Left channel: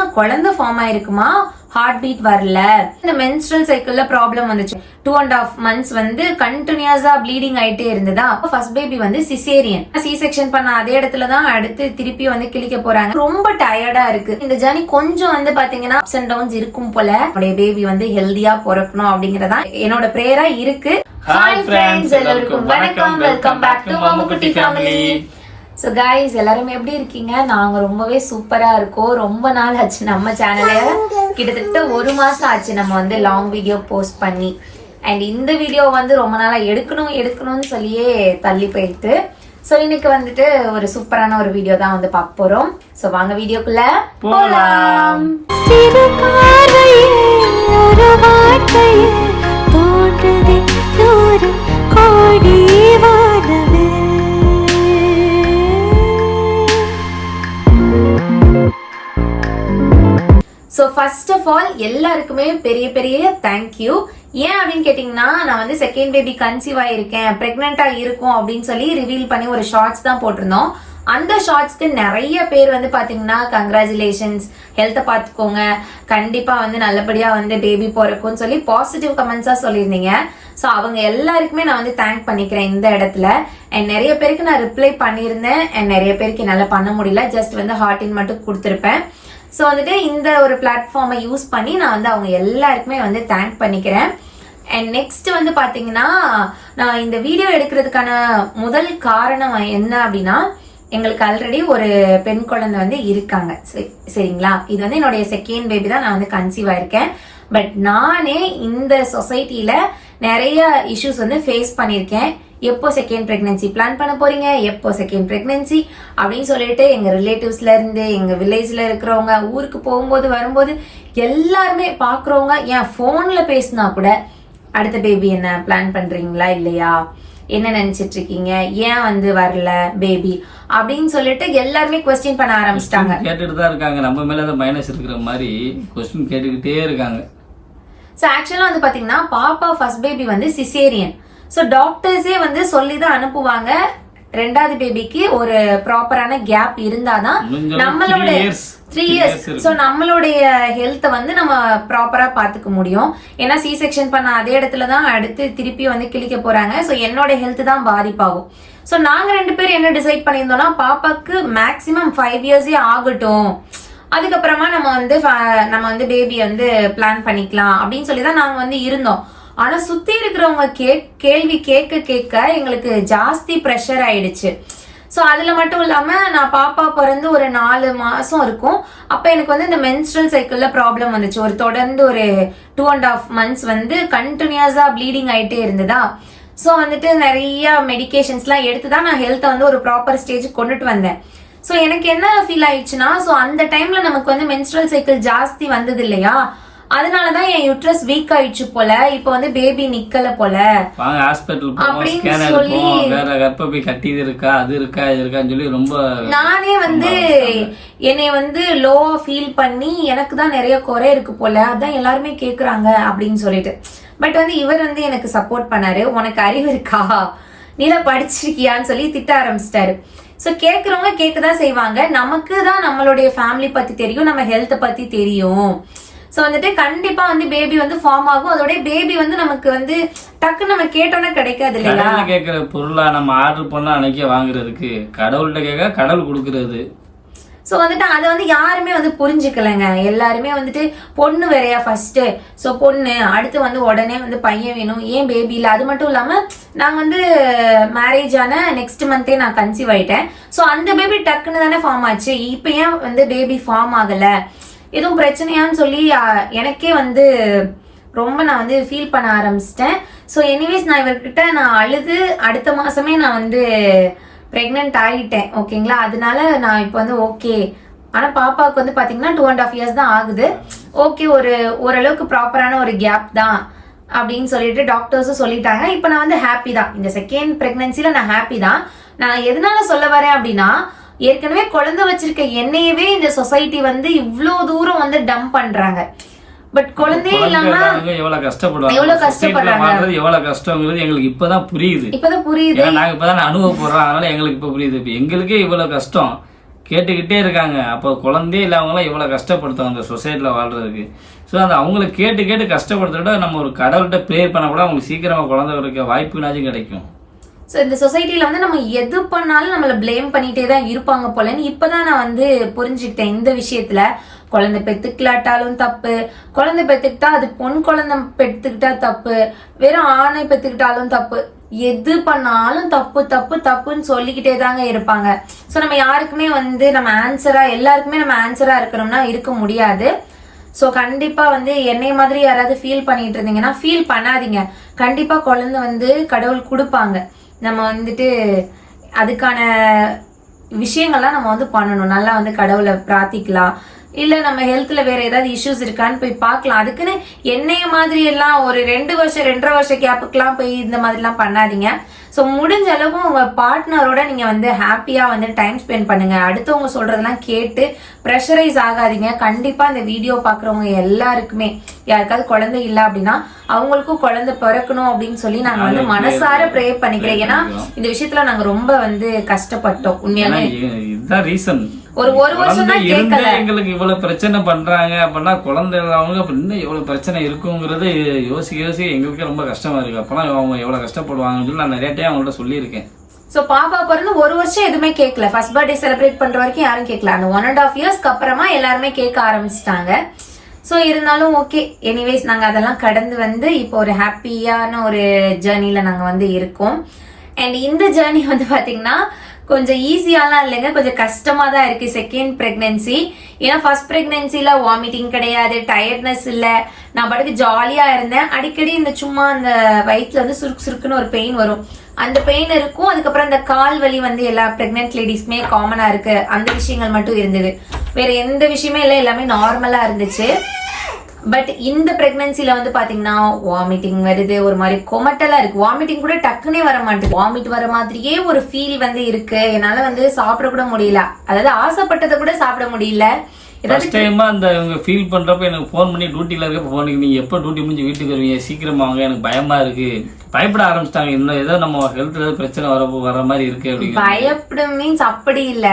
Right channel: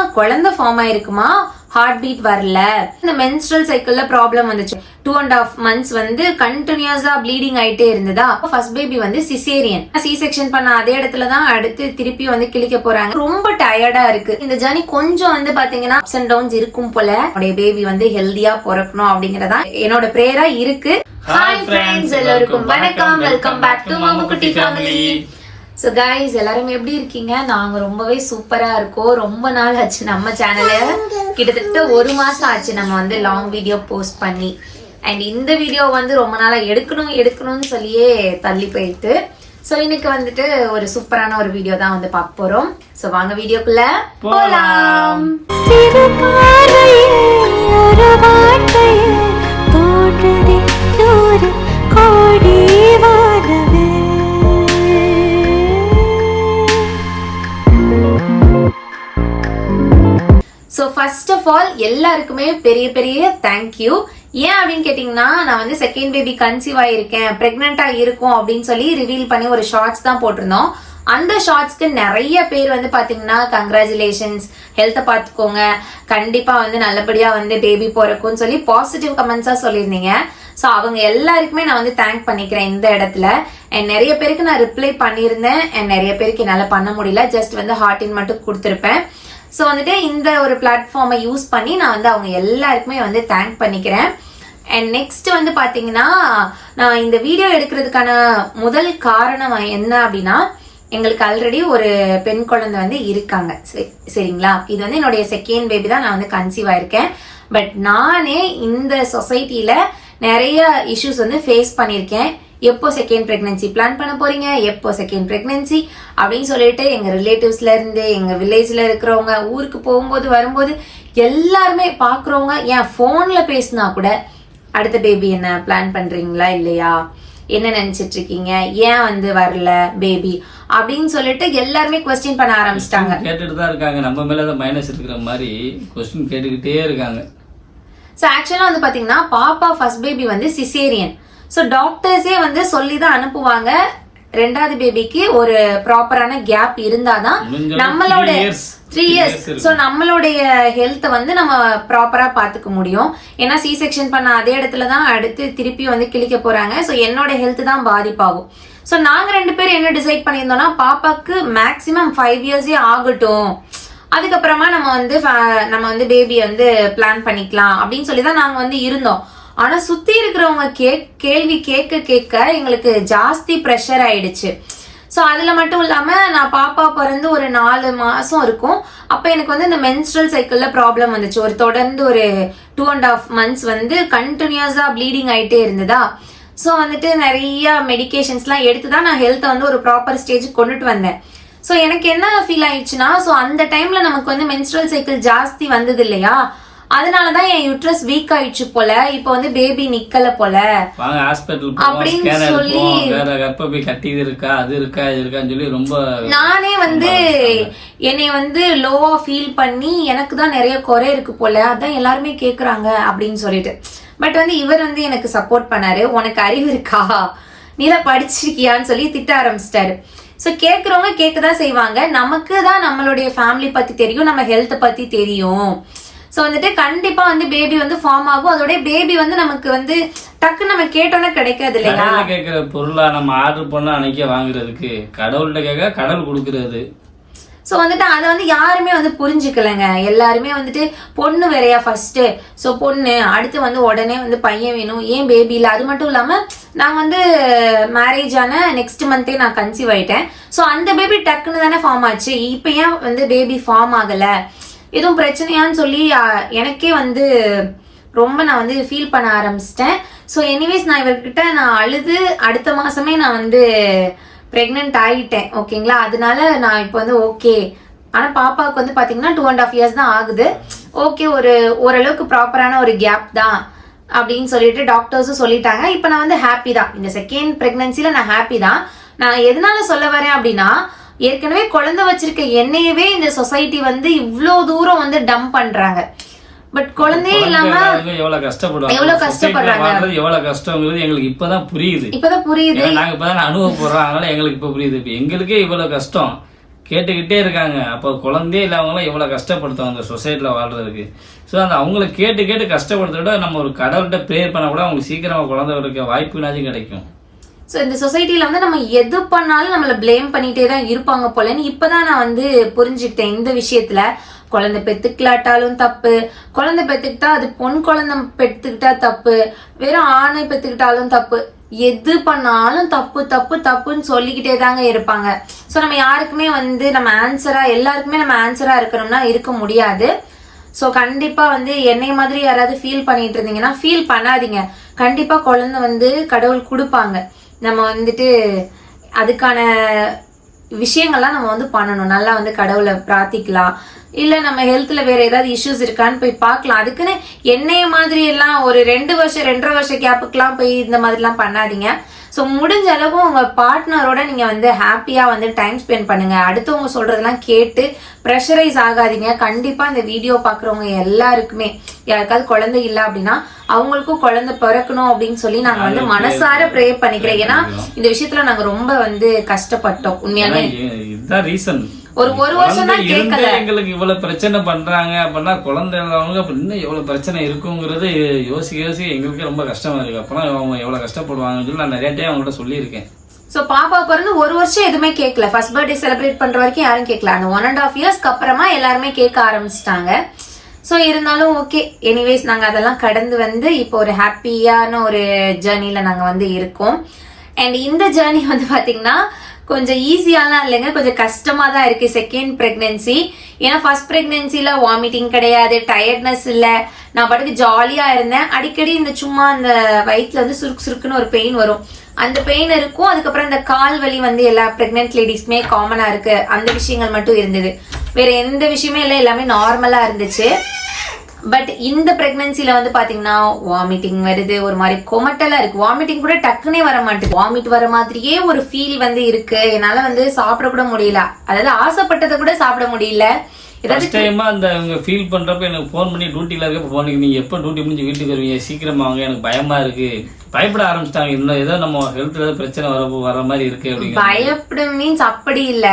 குழந்தை ஃபார்ம் ஆயிருக்குமா? Heart beat வரல. இந்த மென்ஸ்ட்ரல் சைக்கிள்ல ப்ராப்ளம் வந்துச்சு. டூ அண்ட் ஹாஃப் மந்த்ஸ் வந்து கண்டினியூஸா ப்ளீடிங் ஆயிட்டே இருந்ததா? ஃபர்ஸ்ட் பேபி வந்து சிசேரியன் சி செக்ஷன் பண்ண அதே இடத்துல தான் அடுத்து திருப்பி வந்து கிழிக்க போறாங்க. ரொம்ப டயர்டா இருக்கு. இந்த ஜர்னி கொஞ்சம் வந்து பாத்தீங்கன்னா அப்ஸ் அண்ட் டவுன்ஸ் இருக்கும் போல. என்னுடைய பேபி வந்து ஹெல்தியா பிறக்கணும் அப்படிங்கறதா என்னோட பிரேயரா இருக்கு. ஹாய் ஃப்ரெண்ட்ஸ் எல்லாருக்கும் வணக்கம். Welcome back to Mamukutty family so guys எல்லாரும் எப்படி இருக்கீங்க? நாங்க ரொம்பவே சூப்பரா இருக்கோம். ரொம்ப நாள் ஆச்சு நம்ம சேனல்ல கிட்டத்தட்ட ஒரு மாசம் ஆச்சு நம்ம வந்து லாங் வீடியோ போஸ்ட் பண்ணி. அண்ட் இந்த வீடியோ வந்து ரொம்ப நாளா எடுக்கணும் எடுக்கணும்னு சொல்லியே தள்ளி போயிட்டு. ஸோ இன்னைக்கு வந்துட்டு ஒரு சூப்பரான ஒரு வீடியோ தான் வந்து பார்க்க போறோம். ஸோ வாங்க வீடியோக்குள்ள போலாம். ஸோ ஃபர்ஸ்ட் ஆஃப் ஆல் எல்லாருக்குமே பெரிய பெரிய தேங்க்யூ ஏன் அப்படின்னு கேட்டிங்கன்னா நான் வந்து செகண்ட் பேபி கன்சீவ் ஆயிருக்கேன் ப்ரெக்னெண்ட்டாக இருக்கும் அப்படின்னு சொல்லி ரிவீல் பண்ணி ஒரு ஷார்ட்ஸ் தான் போட்டிருந்தோம். அந்த ஷார்ட்ஸ்க்கு நிறைய பேர் வந்து பாத்தீங்கன்னா கங்க்ராச்சுலேஷன்ஸ் ஹெல்த்தை பார்த்துக்கோங்க கண்டிப்பா வந்து நல்லபடியா வந்து பேபி பிறக்கும்னு சொல்லி பாசிட்டிவ் கமெண்ட்ஸா சொல்லியிருந்தீங்க. ஸோ அவங்க எல்லாருக்குமே நான் வந்து தேங்க் பண்ணிக்கிறேன் இந்த இடத்துல. அண்ட் நிறைய பேருக்கு நான் ரிப்ளை பண்ணியிருந்தேன். அண்ட் நிறைய பேருக்கு என்னால் பண்ண முடியல. ஜஸ்ட் வந்து ஹார்டின் மட்டும் கொடுத்துருப்பேன். ஸோ வந்துட்டு இந்த ஒரு பிளாட்ஃபார்மை யூஸ் பண்ணி நான் வந்து அவங்க எல்லாருக்குமே வந்து தேங்க் பண்ணிக்கிறேன். அண்ட் நெக்ஸ்ட் வந்து பார்த்தீங்கன்னா நான் இந்த வீடியோ எடுக்கிறதுக்கான முதல் காரணம் என்ன அப்படின்னா எங்களுக்கு ஆல்ரெடி ஒரு பெண் குழந்தை வந்து இருக்காங்க. சரி- சரிங்களா? இது வந்து என்னுடைய செகண்ட் பேபி தான் நான் வந்து கன்சீவ் ஆயிருக்கேன். பட் நானே இந்த சொசைட்டில நிறைய இஷ்யூஸ் வந்து ஃபேஸ் பண்ணியிருக்கேன். எப்போ செகண்ட் பிரெக்னன்சி பிளான் பண்ண போறீங்க? எப்போ செகண்ட் பிரெக்னன்சி அப்படின்னு சொல்லிட்டு எங்க ரிலேட்டிவ்ஸ்ல இருந்து எங்க வில்லேஜ்ல இருக்கிறவங்க ஊருக்கு போகும்போது வரும்போது எல்லாருமே பாக்குறவங்க ஏன் போன்ல பேசினா கூட அடுத்த பேபி என்ன பிளான் பண்றீங்களா இல்லையா? என்ன நினைச்சிட்டு இருக்கீங்க? ஏன் வந்து வரல பேபி அப்படின்னு சொல்லிட்டு எல்லாருமே கொஸ்டின் பண்ண ஆரம்பிச்சிட்டாங்க. கேட்டுட்டு தான் இருக்காங்க. நம்ம மேல தான் மைனஸ் இருக்கிற மாதிரி கொஸ்டின் கேட்டுக்கிட்டே இருக்காங்க. ஸோ ஆக்சுவலா வந்து பாத்தீங்கன்னா பாப்பா ஃபர்ஸ்ட் பேபி வந்து சிசேரியன் ஸோ டாக்டர்ஸே வந்து சொல்லி தான் அனுப்புவாங்க. ரெண்டாவது பேபிக்கு ஒரு ப்ராப்பரான கேப் இருந்தாதான் நம்மளோட த்ரீ இயர்ஸ். ஸோ நம்மளுடைய ஹெல்த்தை வந்து நம்ம ப்ராப்பரா பாத்துக்க முடியும். ஏன்னா சி செக்ஷன் பண்ண அதே இடத்துல தான் அடுத்து திருப்பி வந்து கிழிக்க போறாங்க. ஸோ என்னோட ஹெல்த் தான் பாதிப்பாகும். ஸோ நாங்க ரெண்டு பேரும் என்ன டிசைட் பண்ணியிருந்தோம்னா பாப்பாக்கு மேக்ஸிமம் ஃபைவ் இயர்ஸே ஆகட்டும். அதுக்கப்புறமா நம்ம வந்து நம்ம வந்து பேபி வந்து பிளான் பண்ணிக்கலாம் அப்படின்னு சொல்லி தான் நாங்க வந்து இருந்தோம். ஆனா சுத்தி இருக்கிறவங்க கே கேள்வி கேட்க கேட்க எங்களுக்கு ஜாஸ்தி ப்ரெஷர் ஆயிடுச்சு. ஸோ அதில் மட்டும் இல்லாமல் நான் பாப்பா பிறந்து ஒரு நாலு மாதம் இருக்கும். அப்போ எனக்கு வந்து இந்த மென்ஸ்ட்ரல் சைக்கிளில் ப்ராப்ளம் வந்துச்சு. ஒரு தொடர்ந்து ஒரு டூ அண்ட் ஆஃப் மந்த்ஸ் வந்து கண்டினியூஸாக ப்ளீடிங் ஆயிட்டே இருந்ததா. ஸோ வந்துட்டு நிறைய மெடிகேஷன்ஸ்லாம் எடுத்து தான் நான் ஹெல்த்தை வந்து ஒரு ப்ராப்பர் ஸ்டேஜ் கொண்டுட்டு வந்தேன். ஸோ எனக்கு என்ன ஃபீல் ஆயிடுச்சுன்னா ஸோ அந்த டைமில் நமக்கு வந்து மென்ஸ்ட்ரல் சைக்கிள் ஜாஸ்தி வந்தது இல்லையா? அதனாலதான் என் யூட்ரஸ் வீக் ஆயிடுச்சு போல. இப்போ வந்து பேபி நிக்கல போல. வாங்க ஹாஸ்பிட்டல் அப்படின்னு சொல்லி- வேற கர்ப்பப்பை கட்டி இருக்கா அது இருக்கா இது இருக்கான்னு சொல்லி ரொம்ப நானே வந்து என்னை வந்து லோவா ஃபீல் பண்ணி எனக்கு தான் நிறைய குறை இருக்கு போல. அதான் எல்லாருமே கேக்குறாங்க அப்படின்னு சொல்லிட்டு. பட் வந்து இவர் வந்து எனக்கு சப்போர்ட் பண்ணாரு. உனக்கு அறிவு இருக்கா? நீதான் படிச்சிருக்கியான்னு சொல்லி திட்ட ஆரம்பிச்சிட்டாரு. சோ கேக்குறவங்க கேட்கதான் செய்வாங்க. நமக்கு தான் நம்மளுடைய ஃபேமிலி பத்தி தெரியும். நம்ம ஹெல்த் பத்தி தெரியும். சோ வந்துட்டு கண்டிப்பா வந்து பேபி வந்து ஃபார்ம் ஆகும். அதோட பேபி வந்து நமக்கு வந்து டக்கு நம்ம கேட்டோன்னே கிடைக்காது இல்லையா? கேட்கிற பொருளா நம்ம ஆர்டர் பண்ணா அன்னைக்கே வாங்குறதுக்கு. கடவுள்கிட்ட கேட்க கடவுள் கொடுக்கறது. சோ வந்துட்டு அதை வந்து யாருமே வந்து புரிஞ்சுக்கலங்க. எல்லாருமே வந்துட்டு பொண்ணு வேறையா ஃபர்ஸ்ட் சோ பொண்ணு அடுத்து வந்து உடனே வந்து பையன் வேணும். ஏன் பேபி இல்ல? அது மட்டும் இல்லாம நாங்க வந்து மேரேஜ் ஆன நெக்ஸ்ட் மந்தே நான் கன்சீவ் ஆயிட்டேன். சோ அந்த பேபி டக்குன்னு தானே ஃபார்ம் ஆச்சு. இப்ப ஏன் வந்து பேபி ஃபார்ம் ஆகல? எதுவும் பிரச்சனையான்னு சொல்லி எனக்கே வந்து ரொம்ப நான் வந்து ஃபீல் பண்ண ஆரம்பிச்சிட்டேன். ஸோ எனிவேஸ் நான் இவர்கிட்ட நான் அழுது அடுத்த மாசமே நான் வந்து ப்ரெக்னென்ட் ஆகிட்டேன் ஓகேங்களா அதனால நான் இப்போ வந்து ஓகே ஆனால் பாப்பாவுக்கு வந்து பார்த்தீங்கன்னா டூ அண்ட் ஆஃப் இயர்ஸ் தான் ஆகுது. ஓகே ஒரு ஓரளவுக்கு ப்ராப்பரான ஒரு கேப் தான் அப்படின்னு சொல்லிட்டு டாக்டர்ஸும் சொல்லிட்டாங்க. இப்போ நான் வந்து ஹாப்பி தான். இந்த செகண்ட் பிரெக்னன்சில நான் ஹாப்பி தான். நான் எதனால சொல்ல வரேன் அப்படின்னா ஏற்கனவே குழந்தை வச்சிருக்க என்னையவே இந்த சொசைட்டி வந்து இவ்ளோ தூரம் வந்து டம்ப் பண்றாங்க. பட் குழந்தையே இல்லாம எவ்வளவு கஷ்டப்படுவாங்க? எவ்வளவு கஷ்டப்படுறாங்க. எவ்வளவு கஷ்டங்கிறது எங்களுக்கு இப்பதான் புரியுது. இப்பதான் புரியுது. நாங்க இப்பதான் அனுபவப்படுறோம். அதனால எங்களுக்கு இப்ப புரியுது. இப்ப எங்களுக்கே இவ்வளவு கஷ்டம். கேட்டுக்கிட்டே இருக்காங்க. அப்போ குழந்தையே இல்லாதவங்களாம் எவ்வளோ கஷ்டப்படுத்துவாங்க அந்த சொசைட்டியில் வாழ்றதுக்கு. ஸோ அந்த அவங்கள கேட்டு கேட்டு கஷ்டப்படுத்துறத நம்ம ஒரு கடவுள்கிட்ட ப்ரேயர் பண்ண கூட அவங்களுக்கு சீக்கிரமாக குழந்தை இருக்க வாய்ப்புனாச்சும் கிடைக்கும். ஸோ இந்த சொசைட்டியில் வந்து நம்ம எது பண்ணாலும் நம்மளை ப்ளேம் பண்ணிகிட்டே தான் இருப்பாங்க போலன்னு இப்போ தான் நான் வந்து புரிஞ்சுக்கிட்டேன் இந்த விஷயத்தில். குழந்தை பெத்துக்கலாட்டாலும் தப்பு. குழந்தை பெத்துக்கிட்டா அது பொன் குழந்தை பெத்துக்கிட்டா தப்பு. வெறும் ஆணை பெத்துக்கிட்டாலும் தப்பு. எது பண்ணாலும் தப்பு தப்பு தப்புன்னு சொல்லிக்கிட்டே தாங்க இருப்பாங்க. ஸோ நம்ம யாருக்குமே வந்து நம்ம ஆன்சரா எல்லாருக்குமே நம்ம ஆன்சரா இருக்கணும்னா இருக்க முடியாது. ஸோ கண்டிப்பா வந்து என்னை மாதிரி யாராவது ஃபீல் பண்ணிட்டு இருந்தீங்கன்னா ஃபீல் பண்ணாதீங்க. கண்டிப்பா குழந்தை வந்து கடவுள் கொடுப்பாங்க. நம்ம வந்துட்டு அதுக்கான விஷயங்கள்லாம் நம்ம வந்து பண்ணணும். நல்லா வந்து கடவுளை பிரார்த்திக்கலாம். இல்ல நம்ம ஹெல்த்ல வேற ஏதாவது இஷ்யூஸ் இருக்கான்னு போய் பார்க்கலாம். அதுக்குன்னு என்னைய மாதிரி எல்லாம் ஒரு ரெண்டு வருஷம் ரெண்டரை வருஷம் கேப்புக்கெல்லாம் போய் இந்த மாதிரிலாம் பண்ணாதீங்க. ஸோ முடிஞ்ச அளவு உங்க பார்ட்னரோட நீங்க வந்து ஹாப்பியா வந்து டைம் ஸ்பெண்ட் பண்ணுங்க. அடுத்தவங்க சொல்றதெல்லாம் கேட்டு ப்ரெஷரைஸ் ஆகாதீங்க. கண்டிப்பா இந்த வீடியோ பாக்குறவங்க எல்லாருக்குமே யாருக்காவது குழந்தை இல்ல அப்படின்னா அவங்களுக்கும் குழந்தை பிறக்கணும் அப்படின்னு சொல்லி நாங்க வந்து மனசார ப்ரே பண்ணிக்கிறேன் ஏன்னா இந்த விஷயத்துல நாங்க ரொம்ப வந்து கஷ்டப்பட்டோம் ஏன்னா உண்மையாலே இ- இதுதான் ரீசன் ஒரு ஒரு வருஷம் தான் எங்களுக்கு இவ்வளவு பிரச்சனை பண்றாங்க அப்படின்னா குழந்தை இல்லாதவங்க அப்ப இன்னும் எவ்வளவு பிரச்சனை இருக்குங்கிறது யோசிக்க யோசிக்க எங்களுக்கு ரொம்ப கஷ்டமா இருக்கு. அப்பனா அவங்க எவ்வளவு கஷ்டப்படுவாங்கன்னு சொல்லி நான் நிறைய டைம் அவங்கள்ட்ட சொல்லியிருக்கேன். சோ பாப்பா பிறந்து ஒரு வருஷம் எதுவுமே கேட்கல. ஃபர்ஸ்ட் பர்த்டே செலிப்ரேட் பண்ற வரைக்கும் யாரும் கேட்கல. அந்த ஒன் அண்ட் ஆஃப் இயர்ஸ்க்கு அப்புறமா எல்லாருமே கேட்க ஆரம்பிச்சிட்டாங்க. சோ இருந்தாலும் ஓகே எனிவேஸ் நாங்க அதெல்லாம் கடந்து வந்து இப்போ ஒரு ஹாப்பியான ஒரு ஜேர்னில நாங்க வந்து இருக்கோம். அண்ட் இந்த ஜேர்னி வந்து பாத்தீங்கன்னா கொஞ்சம் ஈஸியாலாம் இல்லைங்க. கொஞ்சம் கஷ்டமா தான் இருக்கு செகண்ட் பிரெக்னன்சி ஏன்னா ஃபர்ஸ்ட் பிரெக்னன்சில வாமிட்டிங் கிடையாது டயர்ட்னஸ் இல்ல. நான் பாட்டுக்கு ஜாலியா இருந்தேன். அடிக்கடி இந்த சும்மா அந்த வயிற்றுல வந்து சுருக்கு சுருக்குன்னு ஒரு பெயின் வரும். அந்த பெயின் இருக்கும். அதுக்கப்புறம் அந்த கால் வலி வந்து எல்லா பிரெக்னென்ட் லேடிஸ்க்குமே காமனா இருக்கு. அந்த விஷயங்கள் மட்டும் இருந்தது. வேற எந்த விஷயமே இல்லை. எல்லாமே நார்மலா இருந்துச்சு. பட் இந்த பிரெக்னன்சில வந்து பாத்தீங்கன்னா வாமிட்டிங் வருது ஒரு மாதிரி கொமட்டலா இருக்கு. வாமிட்டிங் கூட டக்குனே வர மாட்டேங்குது. வாமிட் வர மாதிரியே ஒரு ஃபீல் வந்து இருக்கு. என்னால வந்து சாப்பிட கூட முடியல. அதாவது ஆசைப்பட்டதை கூட சாப்பிட முடியல. ஃபர்ஸ்ட் டைமா அந்த இவங்க ஃபீல் பண்றப்ப எனக்கு ஃபோன் பண்ணி டியூட்டில இருக்க ஃபோன் நீங்க எப்போ டியூட்டி முடிஞ்சு வீட்டுக்கு வருவீங்க? சீக்கிரமா வாங்க. எனக்கு பயமா இருக்கு. பயப்பட ஆரம்பிச்சிட்டாங்க. இன்னும் ஏதோ நம்ம ஹெல்த் ஏதாவது பிரச்சனை வர வர மாதிரி இருக்கு அப்படிங்கிற பயப்பட மீன்ஸ் அப்படி இல்ல.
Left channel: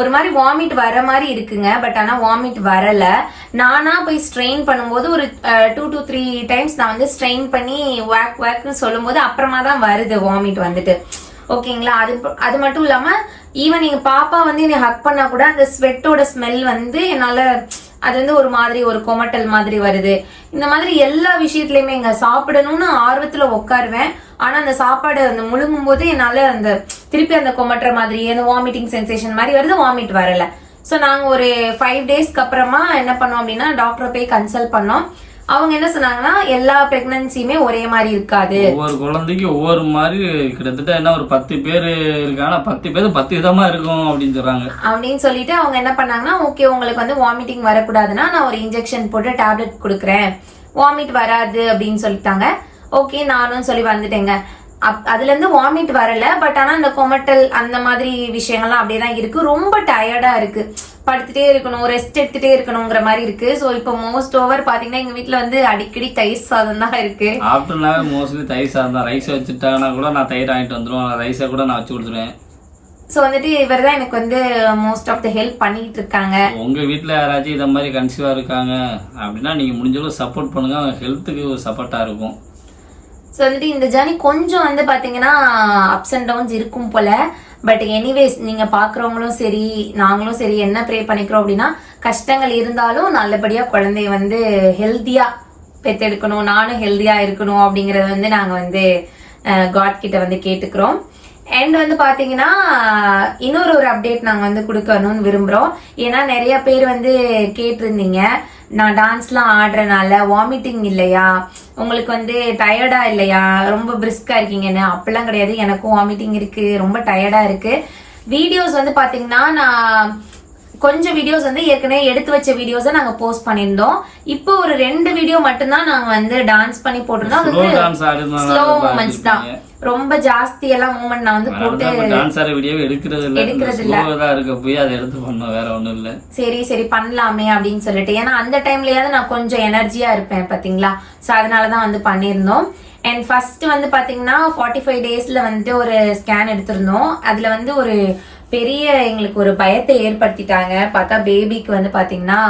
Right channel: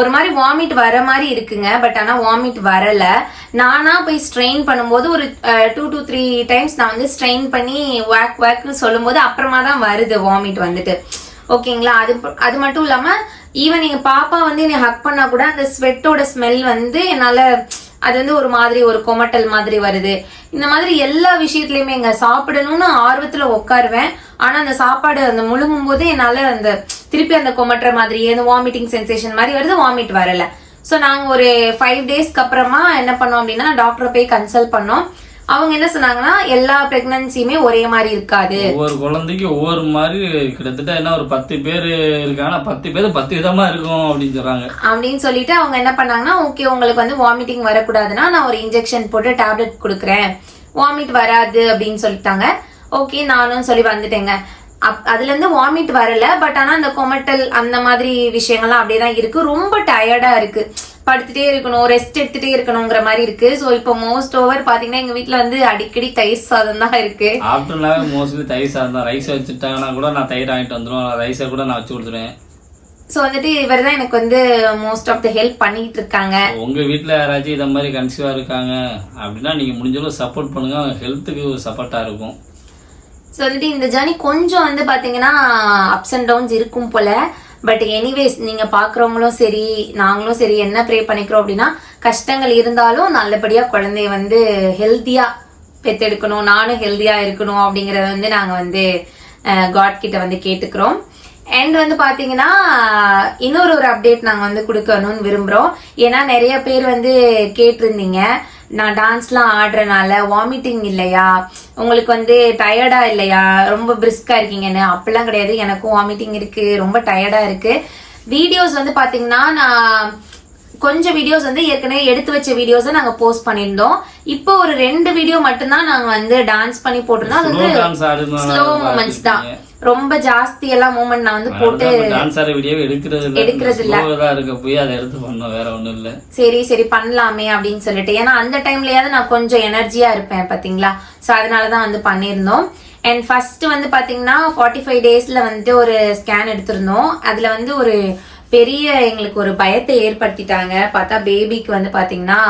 ஒரு மாதிரி வாமிட் வர மாதிரி இருக்குங்க. பட் ஆனா வாமிட் வரல. நானா போய் ஸ்ட்ரெயின் பண்ணும்போது ஒரு டூ to த்ரீ டைம்ஸ் நான் வந்து ஸ்ட்ரெயின் பண்ணி வேக் வேக்னு சொல்லும்போது அப்புறமா தான் வருது வாமிட் வந்துட்டு. ஓகேங்களா அது அது மட்டும் இல்லாம ஈவன் எங்க பாப்பா வந்து என்னை ஹக் பண்ணா கூட அந்த ஸ்வெட்டோட ஸ்மெல் வந்து என்னால அது வந்து ஒரு மாதிரி ஒரு கொமட்டல் மாதிரி வருது. இந்த மாதிரி எல்லா விஷயத்துலயுமே எங்க சாப்பிடணும்னு ஆர்வத்துல உட்காருவேன் ஆனா அந்த சாப்பாடு அந்த முழுங்கும் போது என்னால அந்த திருப்பி அந்த கொமட்டுற மாதிரி எதுவும் வாமிட்டிங் சென்சேஷன் மாதிரி வருது வாமிட் வரல. சோ நாங்க ஒரு ஃபைவ் டேஸ்க்கு அப்புறமா என்ன பண்ணோம் அப்படின்னா டாக்டரை போய் கன்சல்ட் பண்ணோம். அவங்க என்ன சொன்னாங்கன்னா எல்லா பிரெக்னன்சியுமே ஒரே மாதிரி இருக்காது. ஒவ்வொரு குழந்தைக்கு ஒவ்வொரு மாதிரி கிட்டத்தட்ட என்ன ஒரு பத்து பேர் இருக்காங்க பத்து பேர் பத்து விதமா இருக்கும் அப்படின்னு சொல்றாங்க. அப்படின்னு சொல்லிட்டு அவங்க என்ன பண்ணாங்கன்னா ஓகே உங்களுக்கு வந்து வாமிட்டிங் வரக்கூடாதுன்னா நான் ஒரு இன்ஜெக்ஷன் போட்டு டேப்லெட் கொடுக்குறேன். வாமிட் வராது அப்படின்னு சொல்லிட்டாங்க. ஓகே நானும் சொல்லி வந்துட்டேங்க. அதுல இருந்து வாமிட் வரல பட் ஆனா அந்த கொமட்டல் அந்த மாதிரி விஷயங்கள்லாம் அப்படியே தான் இருக்கு. ரொம்ப டயர்டா இருக்கு. படுத்துட்டே இருக்கணும் ரெஸ்ட் எடுத்துட்டே இருக்கணுங்கிற மாதிரி இருக்கு. சோ இப்போ மோஸ்ட் ஓவர் பாத்தீங்கன்னா எங்க வீட்ல வந்து அடிக்கடி தயிர் சாதம் தான் இருக்கு. ஆஃப்டர்னாவே மோஸ்ட்லி தயிர் சாதம் தான். ரைஸ் வச்சுட்டாங்கன்னா கூட நான் தயிர் வாங்கிட்டு வந்துருவேன். ரைஸை கூட நான் வச்சு கொடுத்துருவேன். சோ வந்துட்டு இவர் தான் எனக்கு வந்து மோஸ்ட் ஆஃப் த ஹெல்ப் பண்ணிட்டு இருக்காங்க. உங்க வீட்ல யாராச்சும் இதை மாதிரி கன்சீவா இருக்காங்க அப்படின்னா நீங்க முடிஞ்ச அளவு சப்போர்ட் பண்ணுங்க. அவங்க ஹெல்த்துக்கு சப்போர்ட்டா இருக்கும். ஸோ வந்துட்டு இந்த ஜேர்னி கொஞ்சம் வந்து பார்த்தீங்கன்னா அப்ஸ் அண்ட் டவுன்ஸ் இருக்கும் போல. பட் எனிவேஸ் நீங்க பாக்குறவங்களும் சரி நாங்களும் சரி என்ன ப்ரே பண்ணிக்கிறோம் அப்படின்னா கஷ்டங்கள் இருந்தாலும் நல்லபடியா குழந்தைய வந்து ஹெல்த்தியா பெத்தெடுக்கணும். நானும் ஹெல்த்தியா இருக்கணும் அப்படிங்கறத வந்து நாங்க வந்து காட் கிட்ட வந்து கேட்டுக்கிறோம். அண்ட் வந்து பாத்தீங்கன்னா இன்னொரு ஒரு அப்டேட் நாங்க வந்து கொடுக்கணும்னு விரும்புறோம். ஏன்னா நிறைய பேர் வந்து கேட்டிருந்தீங்க. நான் டான்ஸ்லாம் ஆடுறனால வாமிட்டிங் இல்லையா? உங்களுக்கு வந்து டயர்டா இல்லையா? ரொம்ப பிரிஸ்கா இருக்கீங்கன்னு. அப்படிலாம் கிடையாது. எனக்கும் வாமிட்டிங் இருக்கு. ரொம்ப டயர்டா இருக்கு. வீடியோஸ் வந்து பாத்தீங்கன்னா நான் கொஞ்சம் வீடியோஸ் வந்து ஏற்கனவே எடுத்து வச்ச வீடியோஸை நாங்க போஸ்ட் பண்ணியிருந்தோம். இப்போ ஒரு ரெண்டு வீடியோ மட்டும்தான் நாங்க வந்து டான்ஸ் பண்ணி போட்டிருந்தோம். அது வந்து ஸ்லோ மூமெண்ட்ஸ் தான். ரொம்ப ஜாஸ்தி எல்லாம் மூமெண்ட் நான் வந்து போட்டு டான்ஸ் ஆடுற வீடியோவே எடுக்கிறது இல்ல. எடுக்கிறது இல்ல. இருக்க போய் அதை எடுத்து பண்ணோம். வேற ஒண்ணும் இல்ல. சரி சரி பண்ணலாமே அப்படின்னு சொல்லிட்டு. ஏன்னா அந்த டைம்லயாவது நான் கொஞ்சம் எனர்ஜியா இருப்பேன் பாத்தீங்களா? சோ அதனாலதான் வந்து பண்ணியிருந்தோம். அண்ட் ஃபர்ஸ்ட் வந்து பாத்தீங்கன்னா ஃபார்ட்டி ஃபைவ் டேஸ்ல வந்துட்டு ஒரு ஸ்கேன் எடுத்திருந்தோம். அதுல வந்து ஒரு பெரிய எங்களுக்கு ஒரு பயத்தை ஏற்படுத்திட்டாங்க. பார்த்தா பேபிக்கு வந்து பார்த்தீங்கன்னா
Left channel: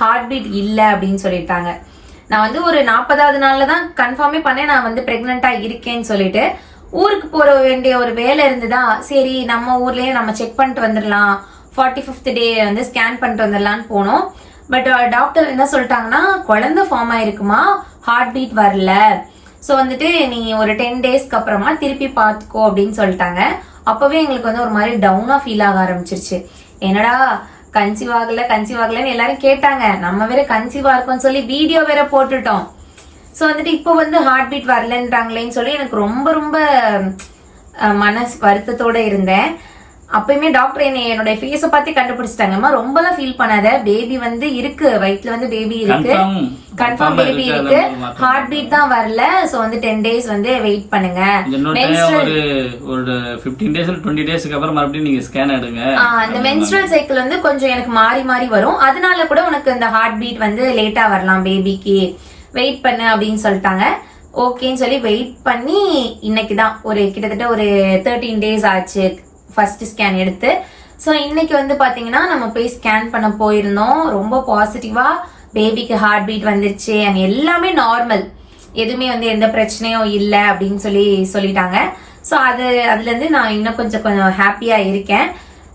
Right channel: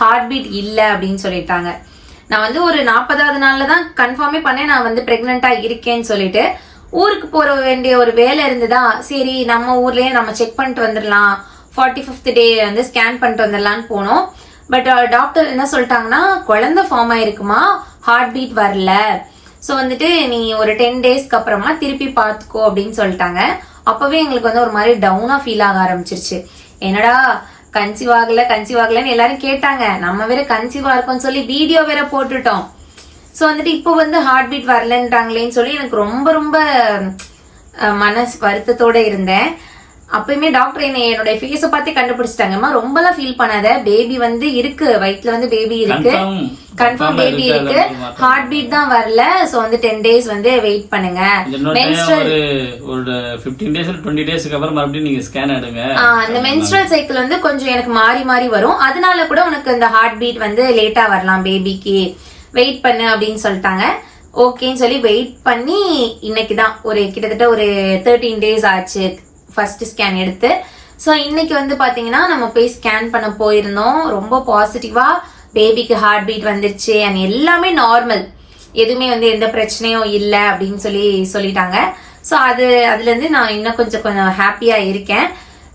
ஹார்ட் பீட் இல்லை அப்படின்னு சொல்லிட்டாங்க. நான் வந்து ஒரு நாற்பதாவது நாளில் தான் கன்ஃபார்மே பண்ணேன். நான் வந்து ப்ரெக்னெண்ட்டாக இருக்கேன்னு சொல்லிட்டு ஊருக்கு போற வேண்டிய ஒரு வேலை இருந்ததா? சரி நம்ம ஊர்லயே நம்ம செக் பண்ணிட்டு வந்துடலாம். ஃபார்ட்டி ஃபிஃப்த் டே வந்து ஸ்கேன் பண்ணிட்டு வந்துடலான்னு போனோம். பட் டாக்டர் uh, என்ன சொல்லிட்டாங்கன்னா குழந்தை ஃபார்ம் ஆயிருக்குமா? ஹார்ட் பீட் வரல. ஸோ வந்துட்டு நீ ஒரு டென் டேஸ்க்கு அப்புறமா திருப்பி பார்த்துக்கோ அப்படின்னு சொல்லிட்டாங்க. அப்பவே எங்களுக்கு வந்து ஒரு மாதிரி டவுனா ஃபீல் ஆக ஆரம்பிச்சிருச்சு. என்னடா கன்சீவ் ஆகல கன்சீவ் ஆகலன்னு எல்லாரும் கேட்டாங்க. நம்ம வேற கன்சீவா இருக்கோம்னு சொல்லி வீடியோ வேற போட்டுட்டோம். ஸோ வந்துட்டு இப்போ வந்து ஹார்ட் பீட் வரலன்றாங்களேன்னு சொல்லி எனக்கு ரொம்ப ரொம்ப மனசு வருத்தத்தோட இருந்தேன். அப்பயுமே டாக்டர் என்னை என்னோட ஃபேஸை பார்த்து கண்டுபிடிச்சிட்டாங்கம்மா. ரொம்பலாம் ஃபீல் பண்ணாத. பேபி வந்து இருக்கு. வயிற்றுல வந்து பேபி இருக்கு. கன்ஃபார்ம் பேபி இருக்கு. ஹார்ட் பீட் தான் வரல. சோ வந்து டென் டேஸ் வந்து வெயிட் பண்ணுங்க. ஒரு ஒரு ஃபிஃப்டீன் டேஸ் டுவெண்ட்டி டேஸ்க்கு அப்புறம் மறுபடியும் நீங்க ஸ்கேன் எடுங்க. அந்த மென்ஸ்ட்ரல் சைக்கிள் வந்து கொஞ்சம் எனக்கு மாறி மாறி வரும். அதனால கூட உனக்கு இந்த ஹார்ட் பீட் வந்து லேட்டா வரலாம் பேபிக்கு வெயிட் பண்ணு அப்படின்னு சொல்லிட்டாங்க. ஓகேன்னு சொல்லி வெயிட் பண்ணி இன்னைக்கு தான் ஒரு கிட்டத்தட்ட ஒரு தேர்ட்டீன் டேஸ் ஆச்சு. ஃபர்ஸ்ட் ஸ்கேன் எடுத்து ஸோ இன்னைக்கு வந்து பார்த்தீங்கன்னா நம்ம போய் ஸ்கேன் பண்ண போயிருந்தோம். ரொம்ப பாசிட்டிவா பேபிக்கு ஹார்ட் பீட் வந்துருச்சு அண்ட் எல்லாமே நார்மல் எதுவுமே வந்து எந்த பிரச்சனையும் இல்லை அப்படின்னு சொல்லி சொல்லிட்டாங்க. ஸோ அது அதுலேருந்து நான் இன்னும் கொஞ்சம் கொஞ்சம் ஹாப்பியாக இருக்கேன்.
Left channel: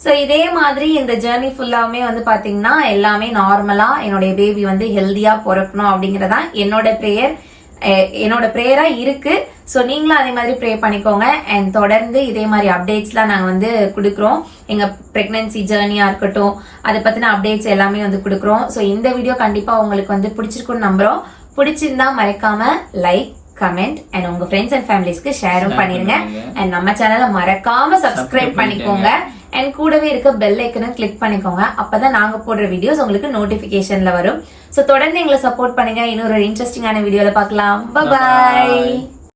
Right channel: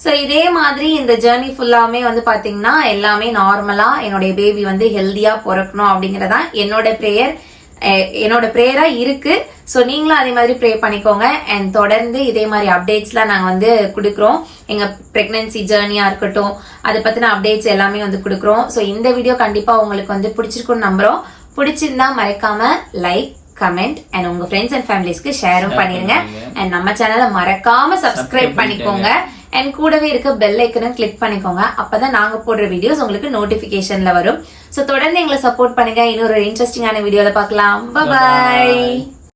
ஸோ இதே மாதிரி இந்த ஜேர்னி ஃபுல்லாமே வந்து பார்த்தீங்கன்னா எல்லாமே நார்மலாக என்னுடைய பேபி வந்து ஹெல்த்தியாக பிறக்கணும் அப்படிங்கிறதான் என்னோட ப்ரேயர் என்னோட ப்ரேயரா இருக்கு. ஸோ நீங்களும் அதே மாதிரி ப்ரே பண்ணிக்கோங்க. அண்ட் தொடர்ந்து இதே மாதிரி அப்டேட்ஸ்லாம் நாங்கள் வந்து கொடுக்குறோம். எங்கள் ப்ரெக்னன்சி ஜேர்னியாக இருக்கட்டும் அதை பற்றின அப்டேட்ஸ் எல்லாமே வந்து கொடுக்குறோம். ஸோ இந்த வீடியோ கண்டிப்பாக உங்களுக்கு வந்து பிடிச்சிருக்குன்னு நம்புறோம். பிடிச்சிருந்தா மறக்காம லைக் கமெண்ட் அண்ட் உங்க ஃப்ரெண்ட்ஸ் அண்ட் ஃபேமிலிஸ்க்கு ஷேரும் பண்ணிருங்க. பண்ணுங்க. அண்ட் நம்ம சேனலை மறக்காம சப்ஸ்கிரைப் பண்ணிக்கோங்க. அண்ட் கூடவே இருக்க பெல் ஐக்கனும் கிளிக் பண்ணிக்கோங்க. அப்பதான் நாங்க போடுற வீடியோஸ் உங்களுக்கு நோட்டிபிகேஷன்ல வரும். சோ தொடர்ந்து எங்களை சப்போர்ட் பண்ணுங்க. இன்னொரு இன்ட்ரெஸ்டிங்கான வீடியோவில் பார்க்கலாம். பாய்